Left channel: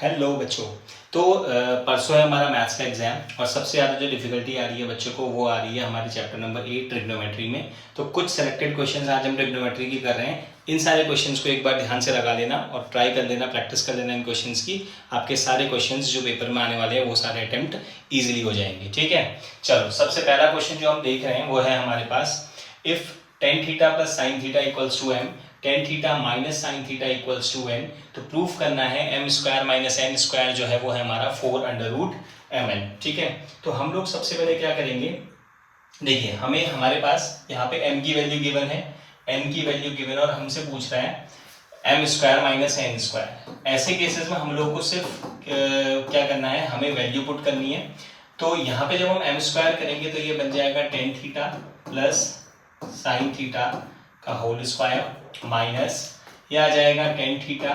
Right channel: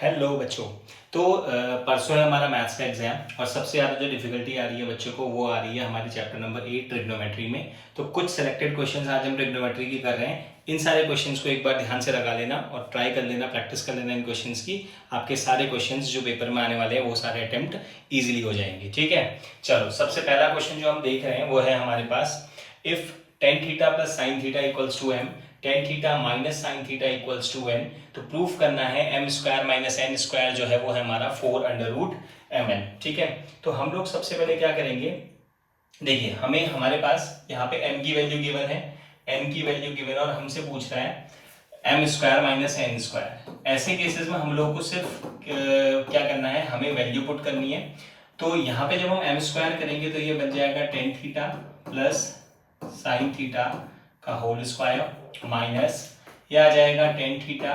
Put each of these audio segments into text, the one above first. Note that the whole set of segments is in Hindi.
हेलो बच्चों। तो परसों है हमारा मैथ्स का एग्जाम और सबसे ज़्यादा जो डिफिकल्टी आ रही है बच्चों को वो आ रही है हमारे चैप्टर नंबर 8 ट्रिग्नोमेट्री में। तो कुछ सेलेक्टेड क्वेश्चंस आज हम ट्रिग्नोमेट्री की कर रहे हैं। इन सारे क्वेश्चंस को एक बार ध्यान से लगा लेना और ट्राई कर लेना, प्रैक्टिस कर लेना इन क्वेश्चंस की। आपके सारे क्वेश्चंस जो पेपर में आने वाले हैं वो सारे अटेम्प्ट ईजिली हो जाएंगे। ठीक है, चलो सबसे पहला क्वेश्चन जो हम देख रहे हैं वो है हमारे पास, if tan theta plus sine theta equals to M, tan theta minus sine theta equals to N, तो प्रूफ करना है M square minus N square जो है वो है हमारा 4√mn। ठीक है, तो हम लोग सबसे पहले क्या करेंगे, देखिए हमें हमारे पास यहाँ पे m की वैल्यू गिवन है, m की वैल्यू गिवन और हमसे पूछ रहे हैं m square minus N square. ऐसे केसेस में हम लोग को सिर्फ क्या करना है, हमें वैल्यू पुट करनी है। तो यहाँ पे जब हम एम स्क्वायर करेंगे तो ये बन जाएगा ten theta plus sine theta का होल स्क्वायर माइनस ये आ जाएगा ten theta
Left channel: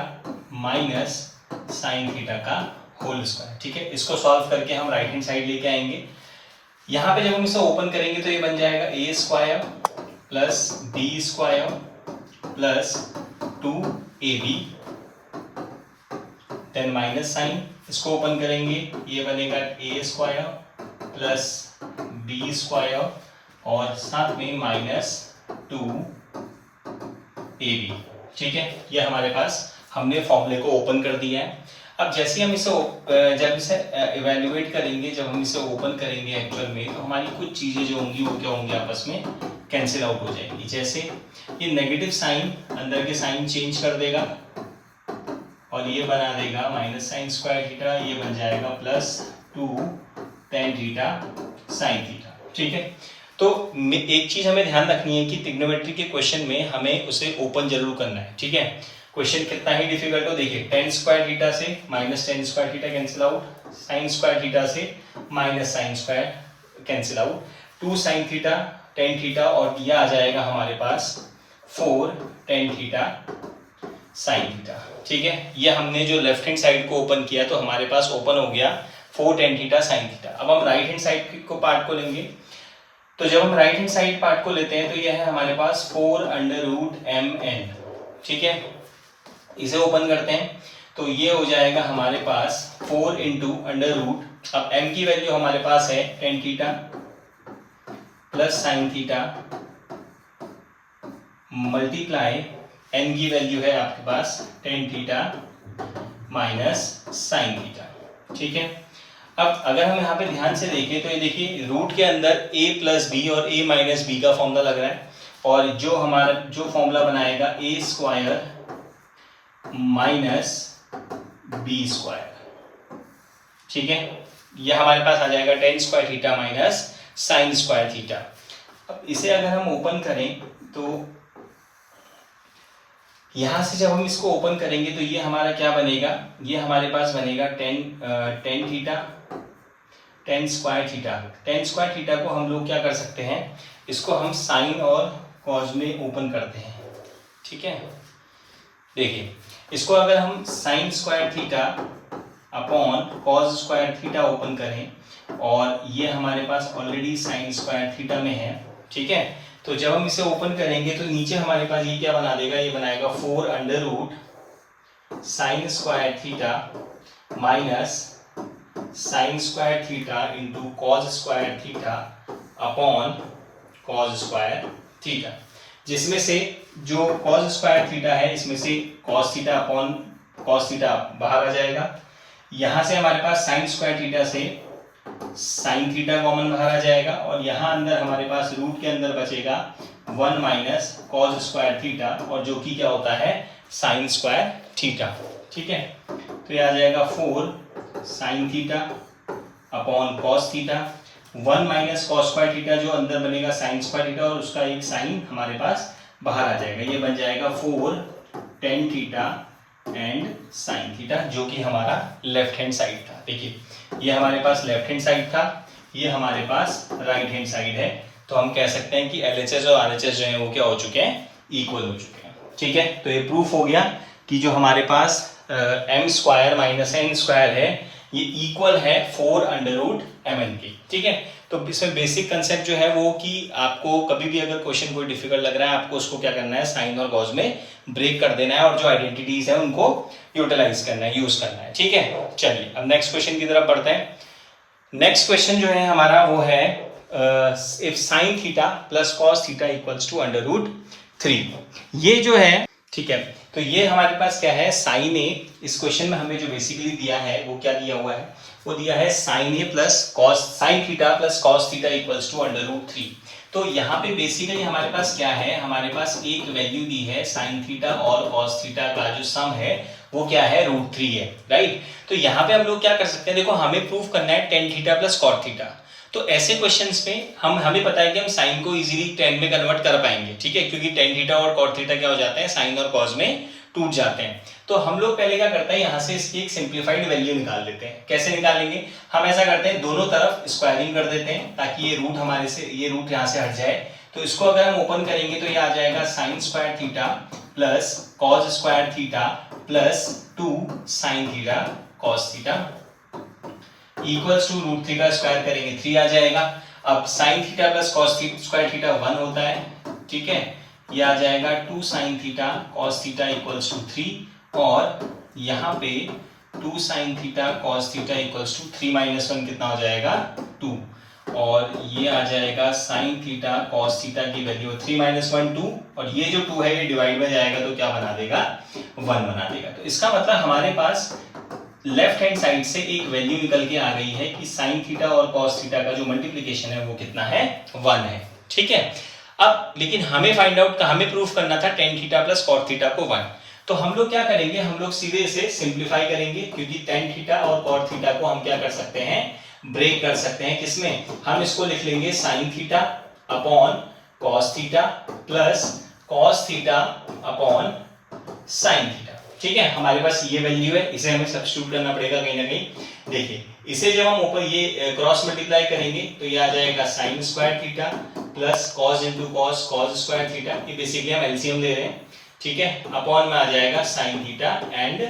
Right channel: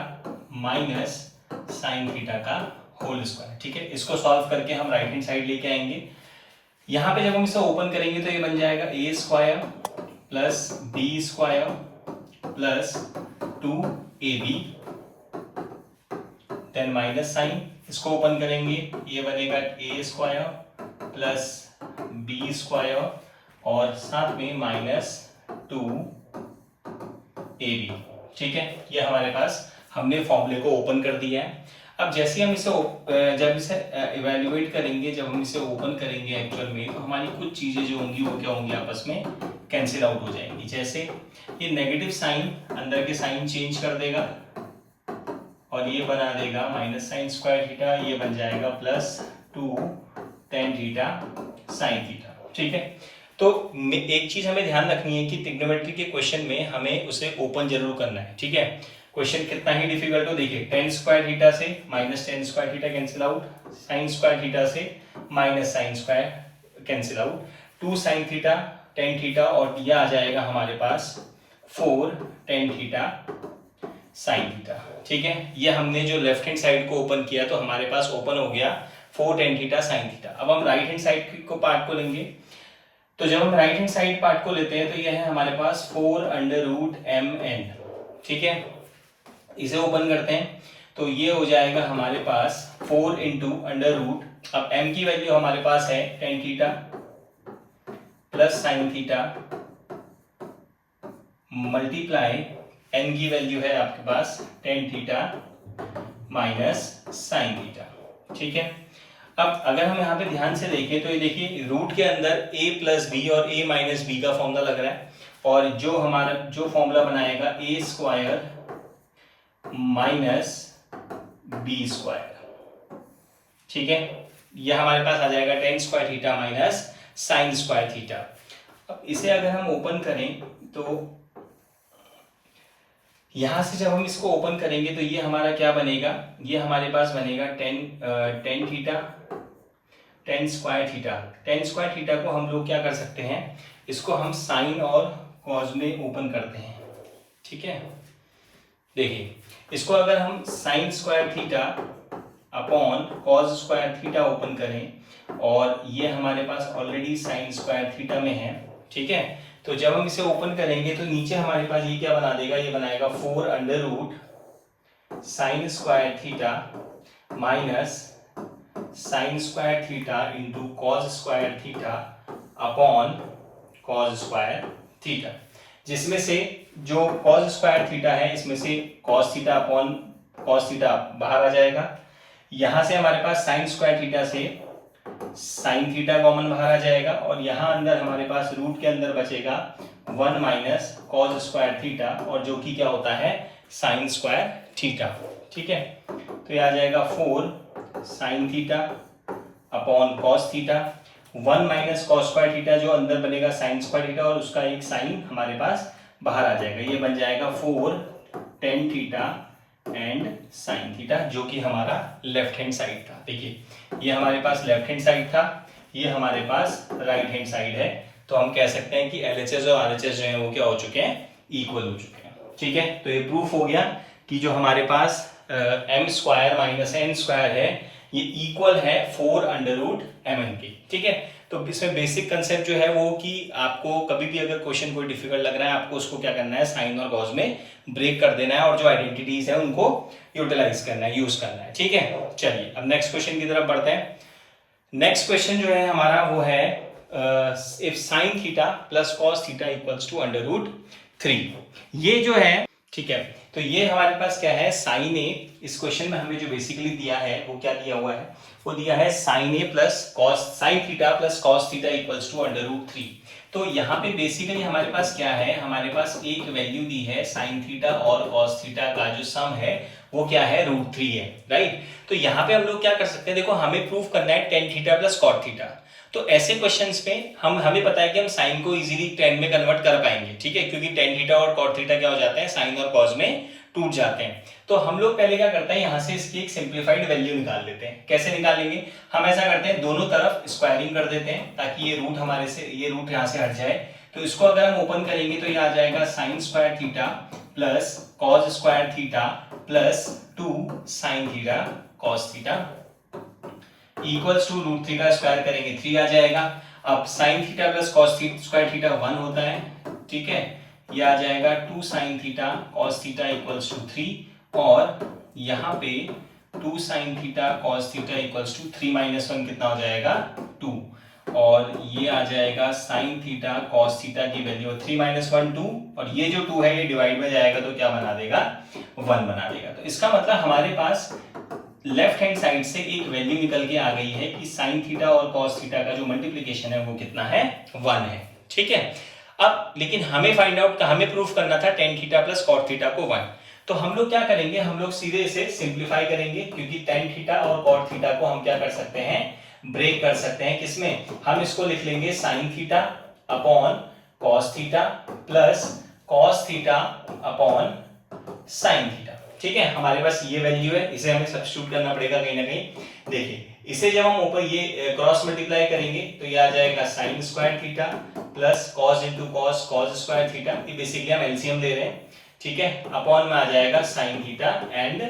minus sine theta का होल स्क्वायर। ठीक है, इसको सॉल्व करके हम राइट हैंड साइड लेके आएंगे। यहाँ पे जब हम इसे ओपन करेंगे तो ये बन जाएगा A square plus B square plus 2ab, then minus sine, इसको ओपन करेंगे ये बनेगा A square plus B square और साथ में माइनस 2ab। ठीक है, ये हमारे पास हमने फॉर्मूले को ओपन कर दिया है। अब जैसे हम इसे जब इसे इवेल्युएट करेंगे, जब हम इसे ओपन करेंगे एक्चुअल में, तो हमारी कुछ चीजें जो होंगी वो क्या होंगी, आपस में कैंसिल आउट हो जाएंगी। जैसे ये नेगेटिव साइन अंदर के साइन चेंज कर देगा और ये बना देगा माइनस साइन स्क्वायर थीटा, ये बन जाएगा plus 2 ten theta sine theta. ठीक है, तो एक चीज हमें ध्यान रखनी है कि ट्रिग्नोमेट्री के क्वेश्चन में हमें उसे ओपन जरूर करना है। ठीक है, क्वेश्चन कितना ही डिफिकल्ट हो, देखिए टेन स्क्वायर थीटा से minus tan square theta cancel out, sine square theta से minus sine square cancel out, 2 sine theta tan theta और यह आ जाएगा हमारे पास 4 टेन थीटा साइन थीटा। ठीक है, ये हमने जो लेफ्ट हैंड साइड को ओपन किया तो हमारे पास ओपन हो गया 4 टेन थीटा साइन थीटा। अब हम राइट हैंड साइड को पार्ट को लेंगे, तो जब हम राइट हैंड साइड पार्ट को लेते हैं तो ये है हमारे पास 4√mn। ठीक है, इसे ओपन करते हैं तो ये हो जाएगा हमारे पास 4 इंटू अंडर रूट, अब m की वैल्यू हमारे पास है tan theta plus sine theta multiply n की वैल्यू है आपके पास tan theta minus sine theta. ठीक है, अब अगर हम यहाँ पे ध्यान से देखें तो ये देखिए रूट के अंदर a प्लस बी और a माइनस बी का फॉर्मूला लग रहा है और जो हमारा जो फॉर्मूला बनाएगा a square minus b square. ठीक है, यह हमारे पास आ जाएगा tan square theta minus sine square theta. अब इसे अगर हम ओपन करें तो यहां से जब हम इसको ओपन करेंगे तो ये हमारा क्या बनेगा, ये हमारे पास बनेगा tan theta tan square theta. Ten square theta को हम लोग क्या कर सकते हैं, इसको हम साइन और कॉज में ओपन करते हैं। ठीक है, देखिए इसको अगर हम sign square theta upon cos square theta open करें और ये हमारे पास ऑलरेडी साइन स्क्वायर थीटा में है। ठीक है, तो जब हम इसे ओपन करेंगे तो नीचे हमारे पास ये क्या बना देगा, ये बनाएगा 4 under root sine square theta minus sine square theta into cos square theta upon cos square theta, जिसमें से जो कॉज स्क्वायर थीटा है इसमें से cos theta upon cos theta बाहर आ जाएगा। यहां से हमारे पास साइन स्क्वायर थीटा से साइन थीटा कॉमन बाहर आ जाएगा और यहाँ अंदर हमारे पास रूट के अंदर बचेगा 1 माइनस कॉज स्क्वायर थीटा और जो कि क्या होता है साइन स्क्वायर थीटा। ठीक है, तो ये आ जाएगा 4 sine theta upon cos theta, 1 minus cos square theta जो अंदर बनेगा साइन स्क्वायर थीटा और उसका एक साइन हमारे पास बाहर आ जाएगा, ये बन जाएगा 4 tan theta and sine theta जो कि हमारा लेफ्ट हैंड साइड था। देखिए ये हमारे पास लेफ्ट हैंड साइड था, ये हमारे पास राइट हैंड साइड है, तो हम कह सकते हैं कि LHS और RHS जो है वो क्या हो चुके हैं, इक्वल हो चुके हैं। ठीक है, तो ये प्रूफ हो गया कि जो हमारे पास m square minus n square है ये इक्वल है 4√mn की। ठीक है, तो तो इसमें बेसिक कंसेप्ट जो है वो कि आपको कभी भी अगर क्वेश्चन कोई डिफिकल्ट लग रहा है, आपको उसको क्या करना है, साइन और कॉज में ब्रेक कर देना है और जो आइडेंटिटीज है उनको यूटिलाइज करना है, यूज करना है। ठीक है, चलिए अब नेक्स्ट क्वेश्चन की तरफ बढ़ते हैं। नेक्स्ट क्वेश्चन जो है हमारा वो है if sine theta plus cos theta equals to √3। ये जो है, ठीक है, तो ये हमारे पास क्या है, साइन ए। इस क्वेश्चन में हमें जो बेसिकली दिया है वो क्या दिया हुआ है, वो दिया है sine a plus cos, sine theta plus cos theta equals to √3। तो यहाँ पे बेसिकली हमारे पास क्या है, हमारे पास एक वैल्यू दी है साइन थीटा और कॉस थीटा का जो सम है वो क्या है, √3 है, राइट। तो यहाँ पे हम लोग क्या कर सकते हैं, देखो हमें प्रूव करना है tan theta plus cot theta. तो ऐसे क्वेश्चंस में हमें पता है कि हम साइन को इजीली टेन में कन्वर्ट कर पाएंगे, ठीक है, क्योंकि टेन थीटा और कॉट थीटा क्या हो जाते हैं, साइन और कॉस में टूट जाते हैं। तो हम लोग पहले क्या करते हैं, यहाँ से इसकी एक सिंप्लीफाइड वैल्यू निकाल लेते हैं। कैसे निकालेंगे, हम ऐसा करते हैं दोनों तरफ स्क्वायरिंग कर देते हैं ताकि ये रूट हमारे से, ये रूट यहाँ से हट जाए। तो इसको अगर हम ओपन करेंगे तो ये आ जाएगा sine square theta plus cos square theta plus 2 sine theta cos theta equals to √3 का स्क्वायर करेंगे 3 आ जाएगा। अब sine theta plus cos square theta 1 होता है, ठीक है, ये आ जाएगा 2 sine theta cos theta equals to 3 और यहाँ पे 2 sine theta cos theta equals to 3 minus 1 कितना हो जाएगा, 2 और ये आ जाएगा साइन थीटा कॉस थीटा की वैल्यू 3 माइनस 1 2 और ये जो 2 है ये डिवाइड में जाएगा तो क्या बना देगा, 1 बना देगा। तो इसका मतलब हमारे पास लेफ्ट हैंड साइड से एक वैल्यू निकल के आ गई है कि साइन थीटा और कॉस थीटा का जो मल्टीप्लिकेशन है वो कितना है, 1 है, ठीक है। अब लेकिन हमें फाइंड आउट, हमें प्रूफ करना था tan theta plus cot theta को 1। तो हम लोग क्या करेंगे, हम लोग सीधे इसे सिंप्लीफाई करेंगे क्योंकि टेन थीटा और कॉट थीटा को हम क्या कर सकते हैं, ब्रेक कर सकते हैं। किसमें, हम इसको लिख लेंगे sine theta upon cos theta plus cos theta upon sine theta, ठीक है। हमारे पास ये वैल्यू है, इसे हमें सब्स्टिट्यूट करना पड़ेगा कहीं ना कहीं। देखिए इसे जब हम ऊपर ये क्रॉस मल्टीप्लाई करेंगे तो ये आ जाएगा sine square theta plus cos into cos, cos square theta, ये बेसिकली हम एलसीएम ले रहे हैं, ठीक है, अपॉन में आ जाएगा sine theta and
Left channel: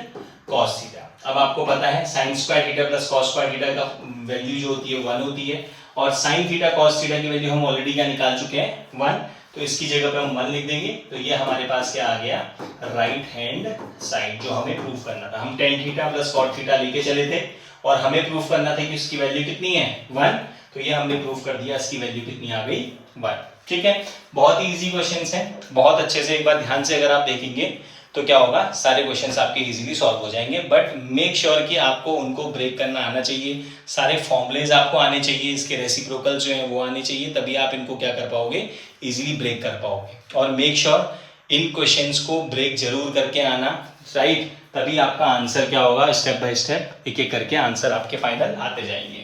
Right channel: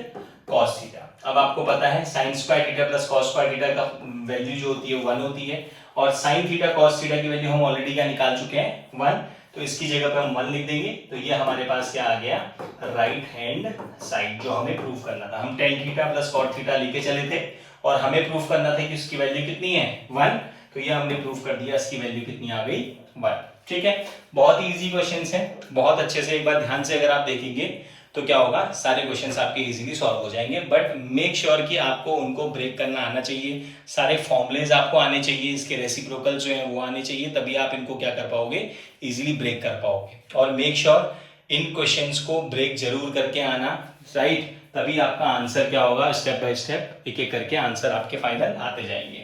cos theta. अब आपको पता है sine square theta plus cos square theta का वैल्यू जो होती है 1 होती है और साइन थीटा कॉस थीटा की वैल्यू हम ऑलरेडी क्या निकाल चुके हैं, 1। तो इसकी जगह पे हम 1 लिख देंगे तो ये हमारे पास क्या आ गया, राइट हैंड साइड जो हमें प्रूफ करना था। हम tan theta plus cot theta लेके चले थे और हमें प्रूफ करना था कि इसकी वैल्यू कितनी है, 1। तो ये हमने प्रूफ कर दिया, इसकी वैल्यू कितनी आ गई, 1, ठीक है। बहुत ही इजी क्वेश्चंस हैं, बहुत अच्छे से एक बार ध्यान से अगर आप देखेंगे तो क्या होगा, सारे क्वेश्चंस आपके इजीली सॉल्व हो जाएंगे। बट मेक श्योर कि आपको उनको ब्रेक करना आना चाहिए, सारे फॉर्मुलेज आपको आने चाहिए, इसके रेसिप्रोकल जो है वो आने चाहिए, तभी आप इनको क्या कर पाओगे, इजीली ब्रेक कर पाओगे। और मेक श्योर इन क्वेश्चंस को ब्रेक जरूर करके आना, राइट, तभी आपका आंसर क्या होगा, स्टेप बाय स्टेप एक एक करके आंसर आपके फाइनल आते जाएंगे।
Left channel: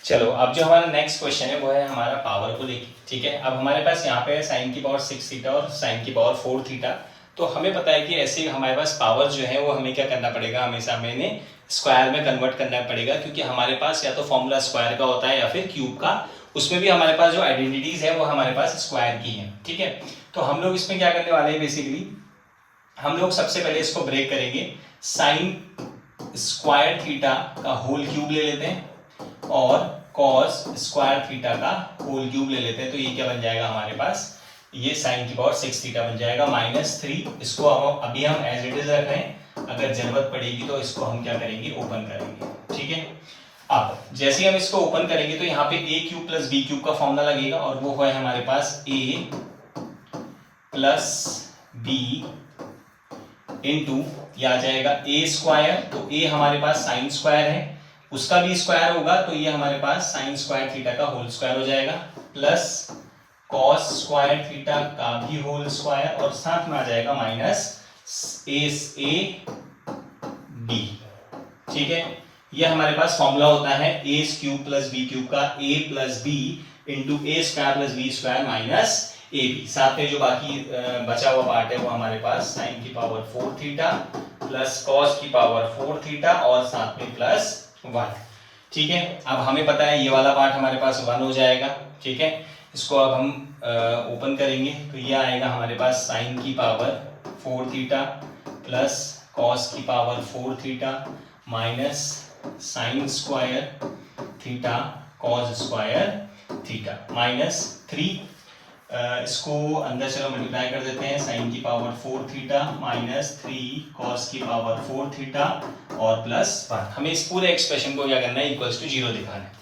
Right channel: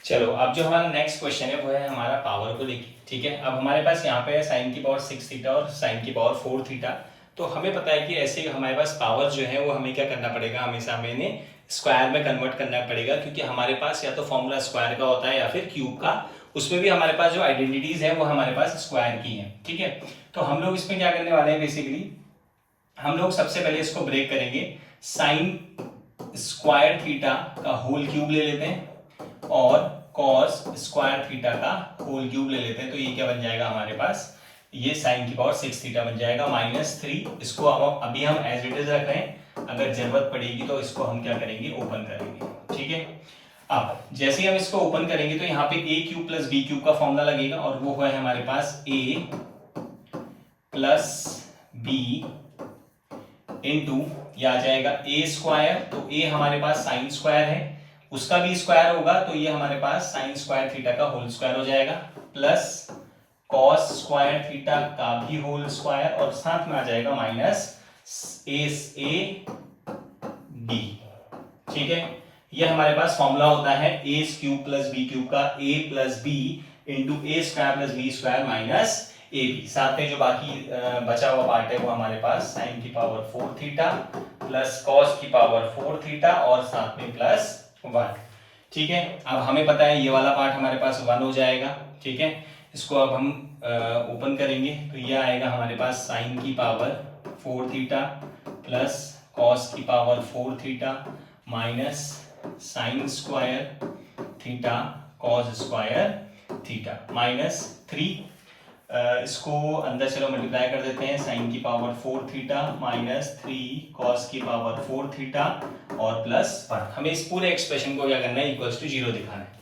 चलो अब जो हमारा नेक्स्ट क्वेश्चन है वो है हमारा पावर को लेके, ठीक है। अब हमारे पास यहाँ पे है साइन की पावर 6 थीटा और साइन की पावर 4 थीटा। तो हमें पता है कि ऐसे हमारे पास पावर जो है वो हमें क्या करना पड़ेगा, हमेशा हमें स्क्वायर में कन्वर्ट करना पड़ेगा, क्योंकि हमारे पास या तो फॉर्मूला स्क्वायर का होता है या फिर क्यूब का, उसमें भी हमारे पास जो आइडेंटिटीज है वो हमारे पास स्क्वायर की है, ठीक है। तो हम लोग इसमें क्या करने वाले हैं, बेसिकली हम लोग सबसे पहले इसको ब्रेक करेंगे, साइन स्क्वायर थीटा का होल क्यूब ले लेते हैं और कॉस स्क्वायर थीटा का होल क्यूब ले लेते हैं। तो ये क्या बन जाएगा हमारे पास, ये साइन की पावर 6 थीटा बन जाएगा -3। इसको अभी हम एज इट इज रख रहे हैं, अगर जरूरत पड़ेगी तो इसको हम क्या करेंगे, ओपन करेंगे, ठीक है। अब जैसे ही हम इसको ओपन करेंगे तो यहाँ पे ए क्यूब प्लस बी क्यूब का फॉर्मूला लगेगा और वो है हमारे पास ए प्लस बी इंटू ये आ जाएगा ए स्क्वायर। तो ए हमारे पास साइन स्क्वायर है, उसका भी स्क्वायर होगा तो ये हमारे पास साइन स्क्वायर थीटा का होल स्क्वायर हो जाएगा, प्लस कॉस स्क्वायर थीटा का भी होल स्क्वायर और साथ में आ जाएगा माइनस ए बी, ठीक है। ये हमारे पास फॉर्मूला होता है A cube plus B cube का, A plus B into A square plus B square minus A B. साथ में जो बाकी बचा हुआ पार्ट है वो हमारे पास साइन की पावर 4 थीटा प्लस कॉस की पावर 4 थीटा और साथ में प्लस 1, ठीक है। अब हमें पता है ये वाला पार्ट हमारे पास 1 हो जाएगा, ठीक है। इसको अब हम ओपन करेंगे तो ये आएगा हमारे पास साइन की पावर 4 थीटा प्लस कॉस की power 4 theta minus sine square theta cos square theta minus 3, इसको अंदर चलो मल्टीप्लाई कर देते हैं, साइन की पावर 4 थीटा माइनस 3 कॉस की पावर 4 थीटा और प्लस 1। हमें इस पूरे एक्सप्रेशन को क्या करना है, इक्वल्स टू 0 दिखाना है।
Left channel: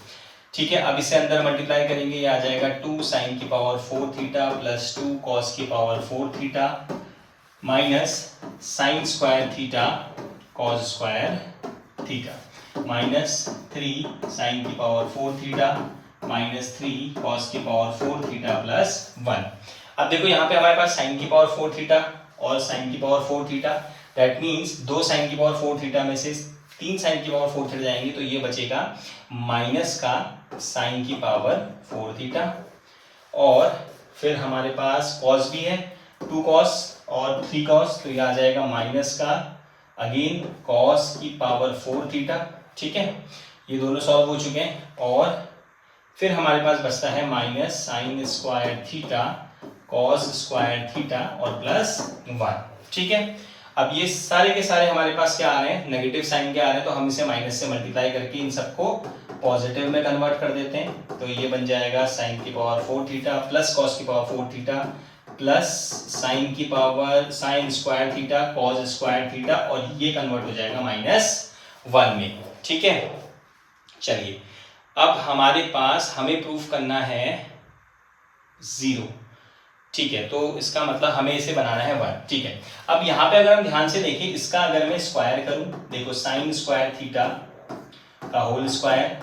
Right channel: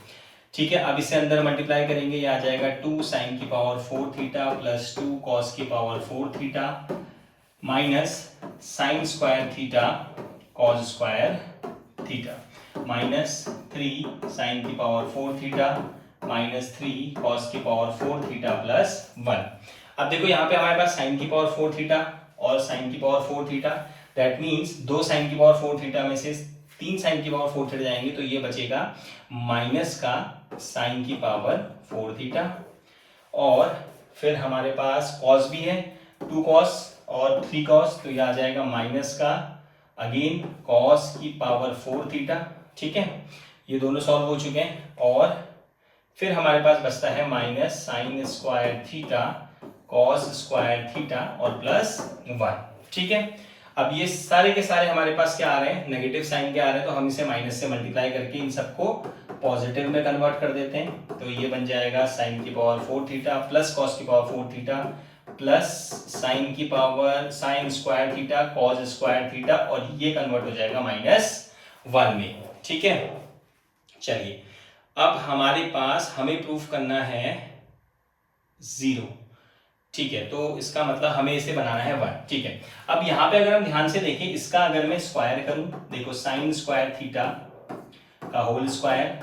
ठीक है, अब इसे अंदर मल्टीप्लाई करेंगे, ये आ जाएगा 2 साइन की पावर 4 थीटा प्लस 2 कॉस की power 4 theta minus sine square theta cos square theta minus 3 sine की पावर 4 थीटा माइनस 3 कॉस की पावर 4 थीटा प्लस 1। अब देखो यहाँ पे हमारे पास साइन की पावर 4 थीटा और साइन की power 4 theta, that means 2 sine की पावर 4 थीटा में से 3 साइन की पावर 4 थीटा जाएंगे, तो ये बचेगा माइनस का साइन की पावर 4 थीटा। और फिर हमारे पास कॉस भी है, 2 कॉस और 3 कॉस, तो ये आ जाएगा माइनस का अगेन कॉस की पावर 4 थीटा। ठीक है, ये दोनों सॉल्व हो चुके हैं। और फिर हमारे पास बचता है minus sine square theta cos square theta और प्लस 1। ठीक है, अब ये सारे के सारे हमारे पास क्या आ रहे हैं, नेगेटिव साइन के आ रहे हैं, तो हम इसे माइनस से मल्टीप्लाई करके इन सबको पॉजिटिव में कन्वर्ट कर देते हैं। तो ये बन जाएगा साइन की पावर 4 थीटा प्लस कॉस की पावर 4 थीटा प्लस साइन की power sine square theta cos square theta, और ये कन्वर्ट हो जाएगा -1 में। ठीक है, चलिए अब हमारे पास हमें प्रूफ करना है 0। ठीक है, तो इसका मतलब हमें इसे बनाना है 1। ठीक है, अब यहाँ पे अगर हम ध्यान से देखें, इसका अगर मैं स्क्वायर करूं, देखो साइन स्क्वायर थीटा का whole square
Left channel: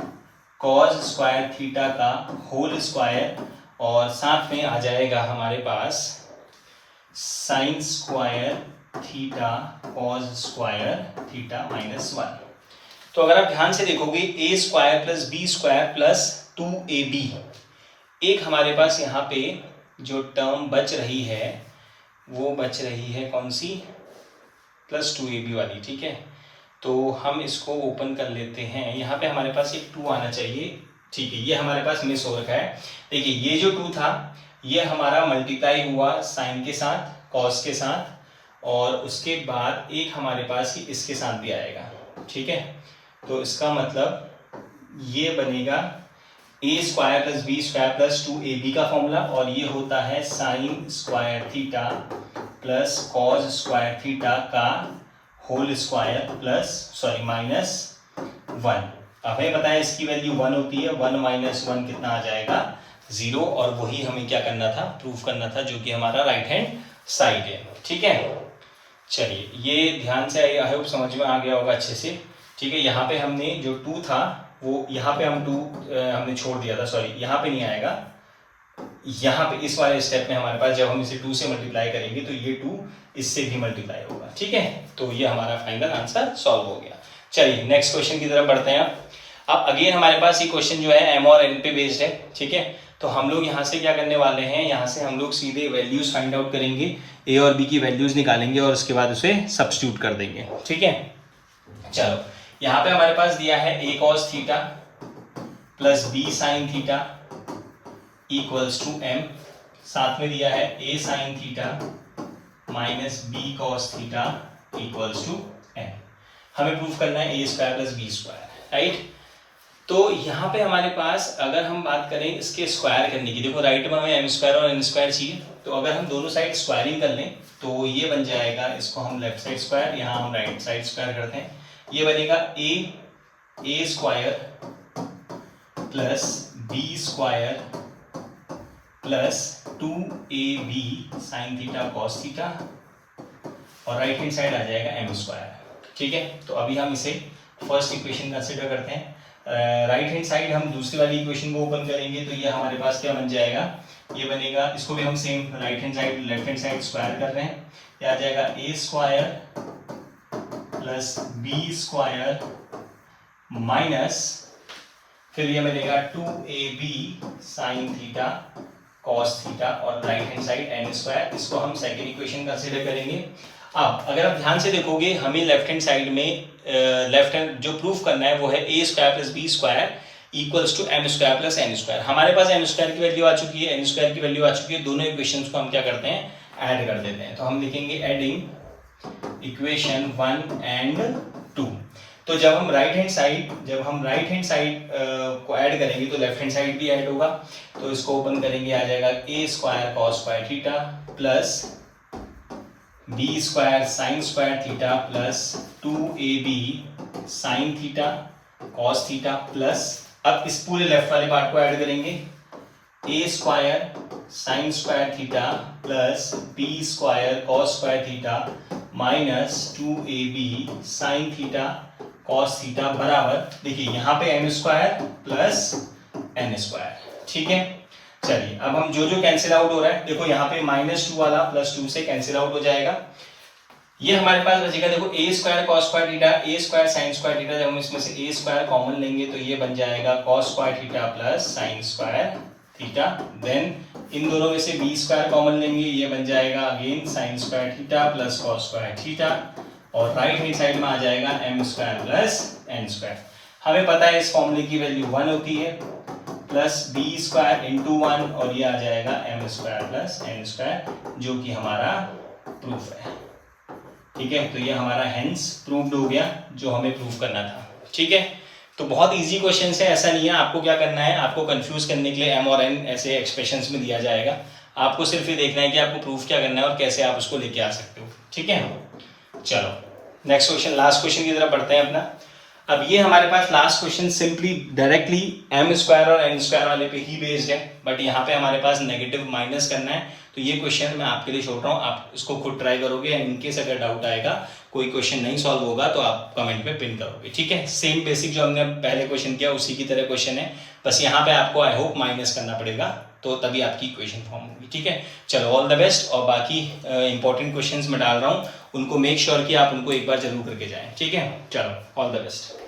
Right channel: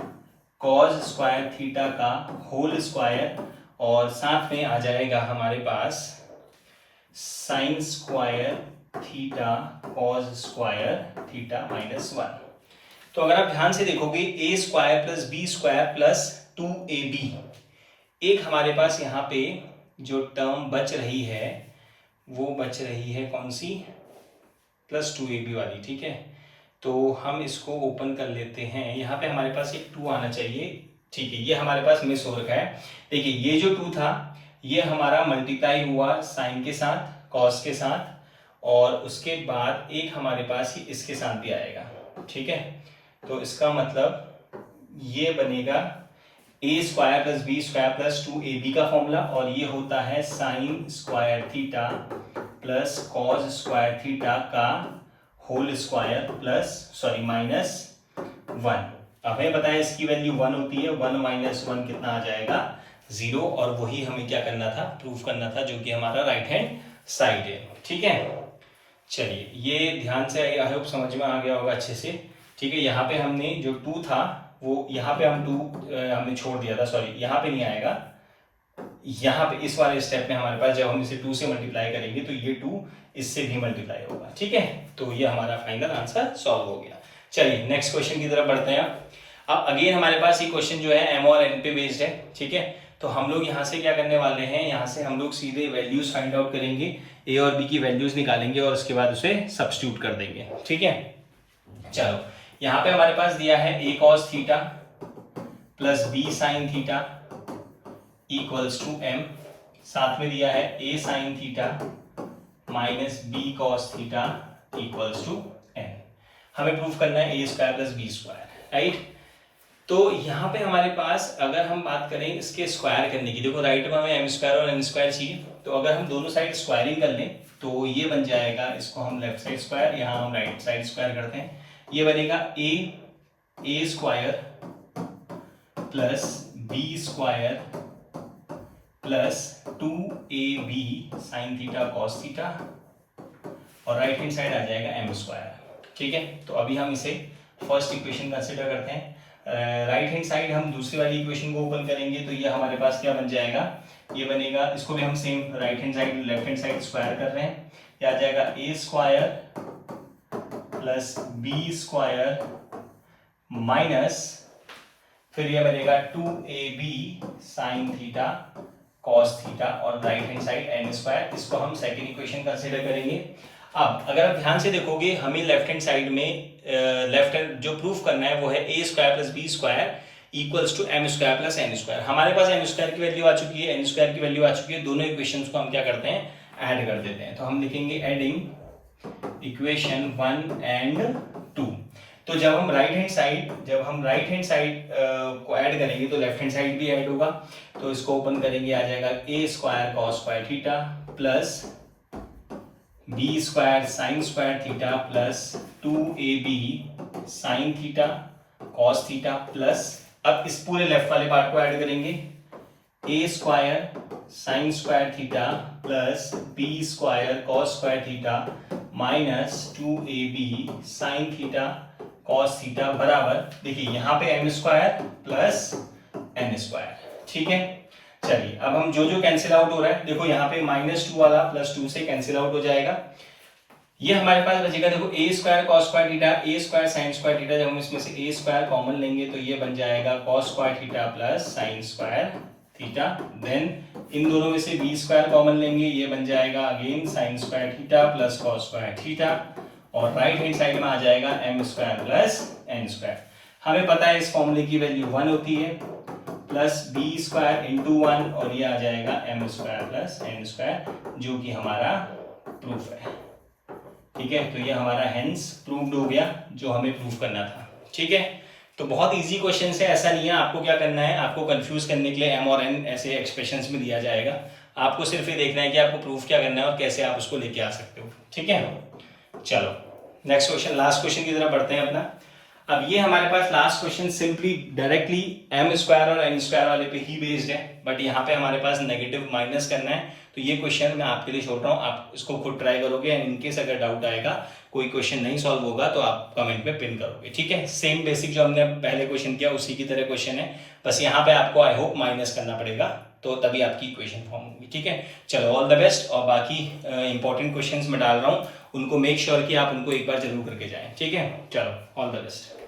cos square theta का होल स्क्वायर और साथ में आ जाएगा हमारे पास sine square theta cos square theta -1। तो अगर आप ध्यान से देखोगे a square plus B square plus 2ab, एक हमारे पास यहाँ पे जो टर्म बच रही है वो बच रही है कौन सी, प्लस 2ab वाली। ठीक है, तो हम इसको ओपन कर लेते हैं, यहाँ पे हमारे पास एक 2 आना चाहिए। ठीक है, ये हमारे पास मिस हो रखा है। देखिए ये जो 2 था ये हमारा मल्टीप्लाई हुआ साइन के साथ कॉस के साथ, और उसके बाद एक हमारे पास ही इसके साथ भी आएगा। ठीक है, तो इसका मतलब ये बनेगा a square plus B square plus 2ab का फॉर्मूला, और ये होता है sine square theta plus cos square theta का होल स्क्वायर प्लस -1। हमें पता है इसकी वैल्यू 1 होती है, 1 - 1 कितना आ जाएगा, 0, और वही हमें क्या करना था, प्रूफ करना था, जो कि हमारा राइट हैंड साइड है। ठीक है, चलिए ये ध्यान से आई होप समझ में आ गया होगा अच्छे से। ठीक है, यहाँ पे हमने जो 2 था वो यहाँ पे हम 2 हमने छोड़ दिया था, सॉरी यहाँ पे नहीं आएगा, यहाँ पे इस वाले स्टेप में हमारे पास जब हम इसे 2 से मल्टीप्लाई करेंगे तो ये 2 इससे भी मल्टीप्लाई होगा। ठीक है, तो ये हमारा फाइनल आंसर सॉल्व हो गया। चलिए नेक्स्ट क्वेश्चन की तरफ बढ़ते हैं। अब अगेन हमारे पास ये क्वेश्चन जो है एम और एन पे बेस्ड है। ठीक है, तो हम लोग यहाँ से क्या करने वाले हैं, यहाँ से हम लोग सीधे वैल्यूज फाइंड आउट करेंगे, ए और बी की वैल्यूज निकालेंगे और उसके बाद उसे सब्स्टिट्यूट कर देंगे। ठीक है, चलो यहाँ पे हमारे पास दिया है a cos theta plus b sin theta equals to m, साथ में दिया है a sin theta minus b cos theta equals to m। हमें प्रूफ करना है a square plus b square, right. तो यहाँ पे हमारे पास अगर हम बात करें इसके स्क्वायर करने की, देखो राइट में हमें m स्क्वायर और n स्क्वायर चाहिए, तो अगर हम दोनों साइड स्क्वायरिंग कर लें तो ये बन जाएगा, इसको हम लेफ्ट साइड स्क्वायर, यहाँ हम राइट साइड स्क्वायर करते हैं, ये बनेगा a square plus b square plus 2ab sine theta cos theta, और राइट हैंड साइड आ जाएगा m स्क्वायर। ठीक है, तो अभी हम इसे फर्स्ट इक्वेशन कंसिडर करते हैं। राइट हैंड साइड हम दूसरी वाली इक्वेशन को ओपन करेंगे, तो ये हमारे पास क्या बन जाएगा, ये बनेगा, इसको भी हम same right hand side left hand side square कर रहे हैं, ये आ जाएगा a square plus b square minus, फिर ये बनेगा 2ab sine theta cos theta, और right hand side n square, इसको हम सेकंड इक्वेशन कंसीडर करेंगे। अब अगर आप ध्यान से देखोगे, हमें लेफ्ट हैंड साइड में लेफ्ट हैंड जो प्रूफ करना है वो है a square plus b square equals to m square plus n square. हमारे पास m स्क्वायर की वैल्यू आ चुकी है, n स्क्वायर की वैल्यू आ चुकी है, दोनों इक्वेशंस को हम क्या करते हैं, ऐड कर देते हैं। तो हम लिखेंगे एडिंग इक्वेशन 1 एंड 2। तो जब हम राइट हैंड साइड को ऐड करेंगे तो लेफ्ट हैंड साइड भी ऐड होगा। तो इसको ओपन करेंगे, आ जाएगा A square cos square theta plus B square sine square theta plus 2ab sine theta cos theta plus, अब इस पूरे लेफ्ट वाले पार्ट को ऐड करेंगे, A square sine square theta plus B square cos square theta minus 2ab sine theta cos theta बराबर, देखिए यहाँ पे m square plus n square. ठीक है, चलिए अब हम जो कैंसिल आउट हो रहा है, देखो यहाँ पे -2 वाला +2 से कैंसिल आउट हो जाएगा। ये हमारे पास बचेगा, देखो ए स्क्वायर कॉस स्क्वायर थीटा, ए स्क्वायर साइन स्क्वायर थीटा, जब हम इसमें से ए स्क्वायर कॉमन लेंगे तो ये बन जाएगा cos square theta plus sine square theta. Then इन दोनों में से बी स्क्वायर कॉमन लेंगे, ये बन जाएगा again sine square theta plus cos square theta, और राइट हैंड साइड में आ जाएगा m square plus n square. हमें पता है इस फॉर्मूले की वैल्यू 1 होती है, प्लस बी स्क्वायर इंटू 1, और ये आ जाएगा m square plus n square, जो कि हमारा प्रूफ है। ठीक है, तो ये हमारा हेंस प्रूव्ड हो गया जो हमें प्रूव करना था। ठीक है, तो बहुत इजी क्वेश्चन है, ऐसा नहीं है आपको क्या करना है, आपको कंफ्यूज करने के लिए एम और एन ऐसे एक्सप्रेशंस में दिया जाएगा, आपको सिर्फ ये देखना है कि आपको प्रूफ क्या करना है और कैसे आप उसको लेके आ सकते हो। ठीक है, चलो नेक्स्ट क्वेश्चन, लास्ट क्वेश्चन की तरफ बढ़ते हैं अपना। अब ये हमारे पास last question simply directly M square और एन स्क्वायर वाले पे ही बेस्ड है, बट यहाँ पे हमारे पास नेगेटिव माइनस करना है, तो ये क्वेश्चन मैं आपके लिए छोड़ रहा हूँ, आप इसको खुद ट्राई करोगे। इनकेस अगर डाउट आएगा, कोई क्वेश्चन नहीं सॉल्व होगा तो आप कमेंट में पिन करोगे। ठीक है, सेम बेसिक जो हमने पहले क्वेश्चन किया उसी की तरह क्वेश्चन है, बस यहाँ पे आपको आई होप माइनस करना पड़ेगा, तो तभी आपकी इक्वेशन फॉर्म होगी। ठीक है, चलो ऑल द बेस्ट, और बाकी इंपॉर्टेंट क्वेश्चंस मैं डाल रहा हूँ, उनको मेक श्योर कि आप उनको एक बार जरूर करके जाएं। ठीक है, चलो ऑल द बेस्ट।